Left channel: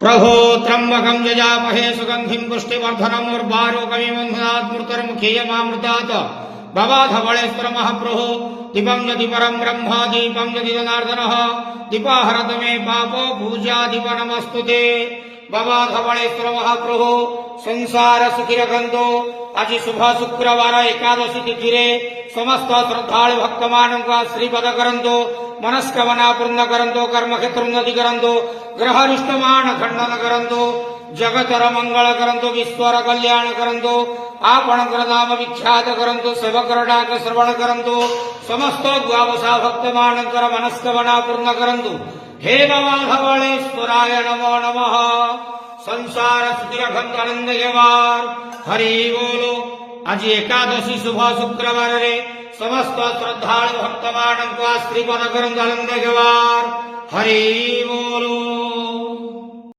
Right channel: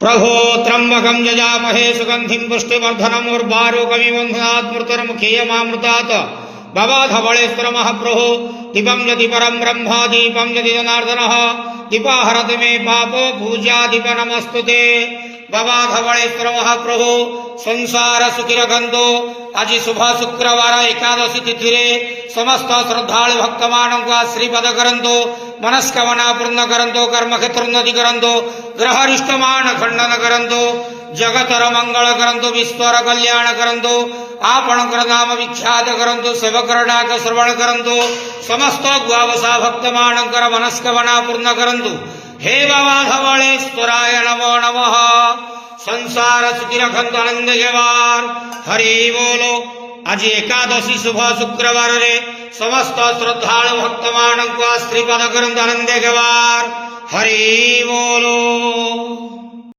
प्रभो त्र्यंबकं यजामहे सुगंधिं पुष्टिवर्धनम् उर्वारुकमिव मृत्युर्मुखीयमामृतात् भवाधवळेश्वर महाप्रभो दीपं यदि परं ब्रह्म दीपं यदि जनार्दनः दीपाहरत मे पापो पूजा दीप नमस्तुते बाबाधवळेश्वर महाप्रभो संसार सुखी रखंतो आज शुभ शुक्रवार एकादशी तिथि रे समस्त श्रद्धालु भक्त मानक आश्रीपद करंतो मनस्कामना पूर्ण करंतो कर्म क्षेत्र उन्नति करंतो ग्रहरिष्ट मान खंडन करंतो जगतर मंगल करंतो विश्वर कल्याण करंतो आपणकर नाम विख्यात करंतो सेवकर डाक श्रवण करंतो समस्त द्वावसा भक्त मानकर मनस्कामना पूर्ण करंतो हे बाबाधवळेश्वराय नमो नमः संसार सुखी रखंतो आनंद गेवार हरि बोलो। आज एकादशी शुभ शुक्रवार रे समस्त श्रद्धालु भक्त मानक आश्रीपद करंतो आनंद गेवार हरि बोलो।